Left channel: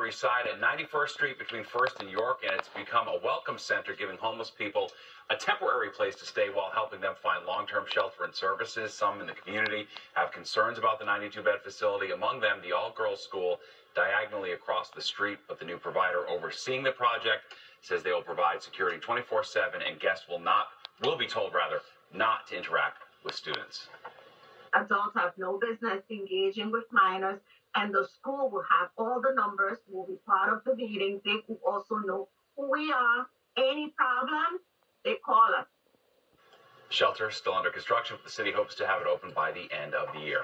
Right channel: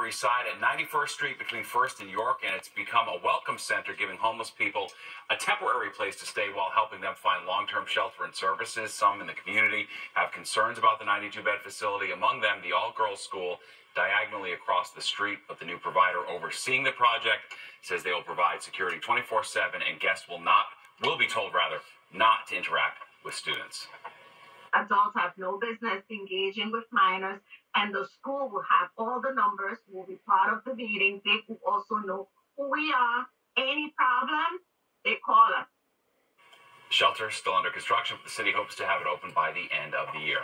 Upper East Side at 91st Street between 1st and York, and it's become a welcome center, giving homeless people a temporary place to stay while helping them find long-term shelter and services. Some in the community have concerns about the 92-bed facility, among them the all-girls school diagonally across the street, but the new provider overseeing the project says they will provide security 24/7, and guests will be told not to interact with students. Adults have no business engaging with minors, and the school will have all the numbers, will be part of the meeting. They will also know who we are. Any problem, they call us. Shelter still under construction, but the city hopes to have it open by the end of the year.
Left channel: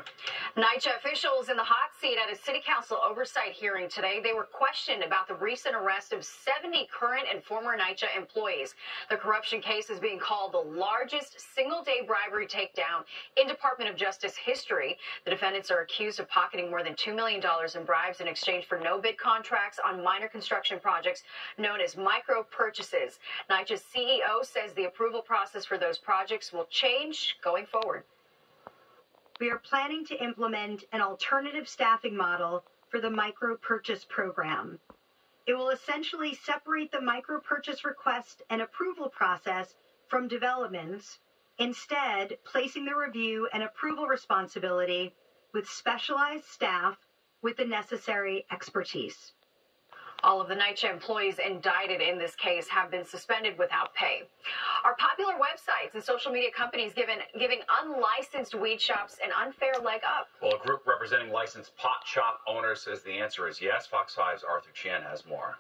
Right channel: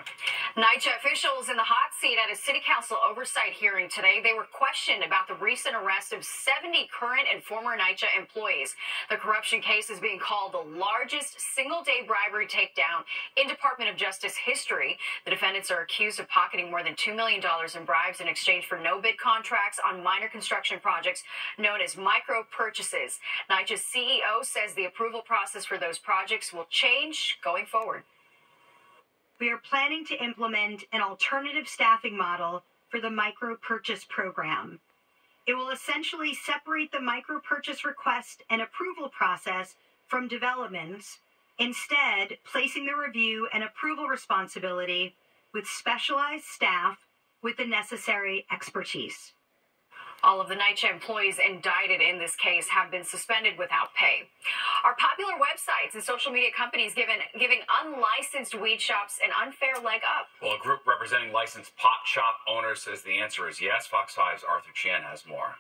NYCHA officials in the hot seat at a city council oversight hearing today. They were questioned about the recent arrest of 70 current and former NYCHA employees. The corruption case is being called the largest single-day bribery takedown in Department of Justice history. The defendants are accused of pocketing more than $2 million in bribes in exchange for no-bid contracts on minor construction projects known as micro purchases. NYCHA's CEO says the approval process for those projects will change going forward. We are planning to implement an alternative staffing model for the micro purchase program. It will essentially separate the micro purchase request and approval process from developments, instead placing the review and approval responsibility with specialized staff with the necessary expertise. All of the NYCHA employees indicted in this case have been suspended without pay. Are popular websites and social media companies giving unlicensed weed shops an unfair leg up? Well, a group representing licensed pot shop owners says the answer is yes. Fox 5's Arthur Chan has more.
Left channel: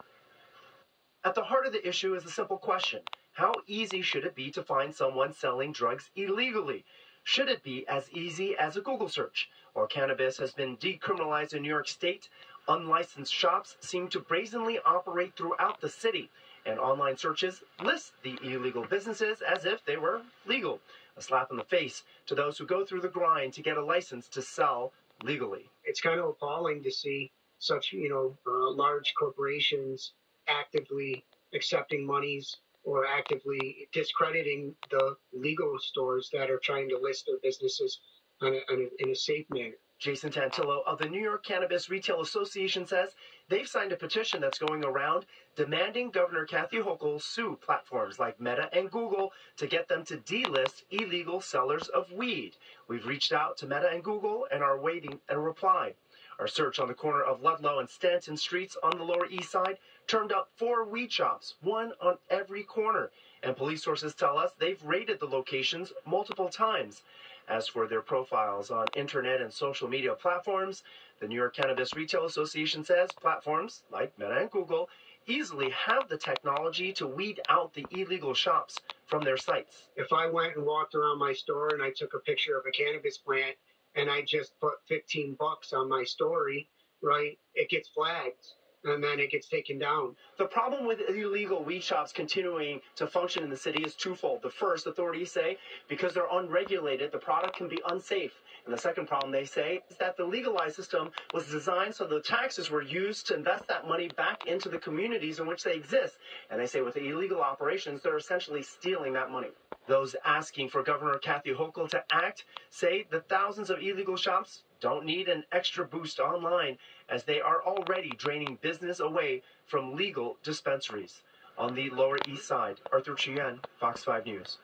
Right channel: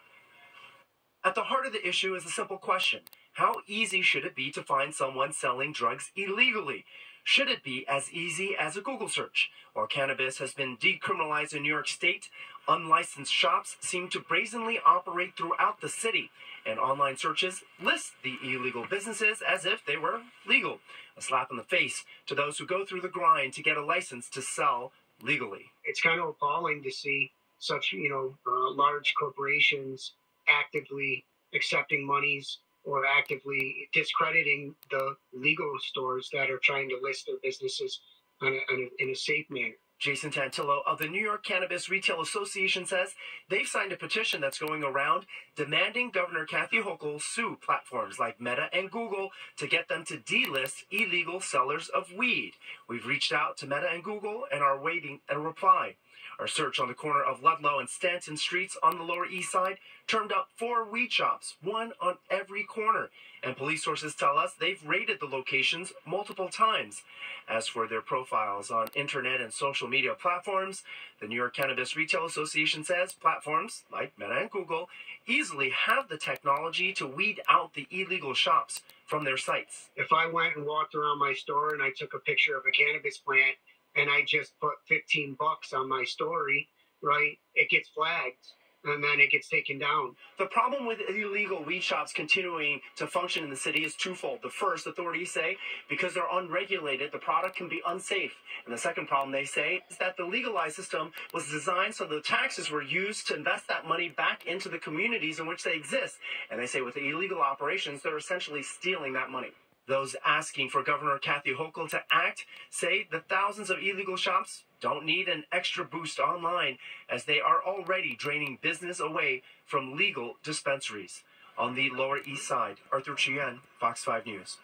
At the heart of the issue is a simple question. How easy should it be to find someone selling drugs illegally? Should it be as easy as a Google search? While cannabis has been decriminalized in New York State, unlicensed shops seem to brazenly operate throughout the city, and online searches list the illegal businesses as if they were legal. A slap in the face to those who go through the grind to get a license to sell legally. It's kind of appalling to see such, large corporations actively accepting monies or actively discrediting the legal stores that are trying to list their businesses in a safe manner. Jason Tantillo of the New York Cannabis Retail Association says they've signed a petition that's going around demanding Governor Kathy Hochul sue platforms like Meta and Google to get them to delist illegal sellers of weed. We've reached out to Meta and Google and are waiting a reply. Our search on the corner of Ludlow and Stanton Streets on the Lower East Side turned up 4 weed shops, one on every corner. And police sources tell us they've raided the locations multiple times. As for their profiles on internet and social media platforms, the New York Cannabis Retail Association says platforms like Meta and Google easily have the technology to weed out the illegal shops from their sites. If I went and walked around my store and I took a picture of a cannabis plant and I just put $15 on my story, right, it gets flagged. And then it gets taken down. The problem with illegal weed shops continuing to function in the city is twofold. The first, authorities say, because they're unregulated, the product can be unsafe. And the second problem, they say, is that the legalized system was designed so the taxes were used to invest that money back into the communities in which they exist. And they say with the illegal operations, they're essentially stealing that money. Those asking for Governor Kathy Hochul to act say the thousands of illegal shops don't need an extra boost online, as they are already draining business away from legal dispensaries. On the Lower East Side, Arthur Chien, Fox 5 News.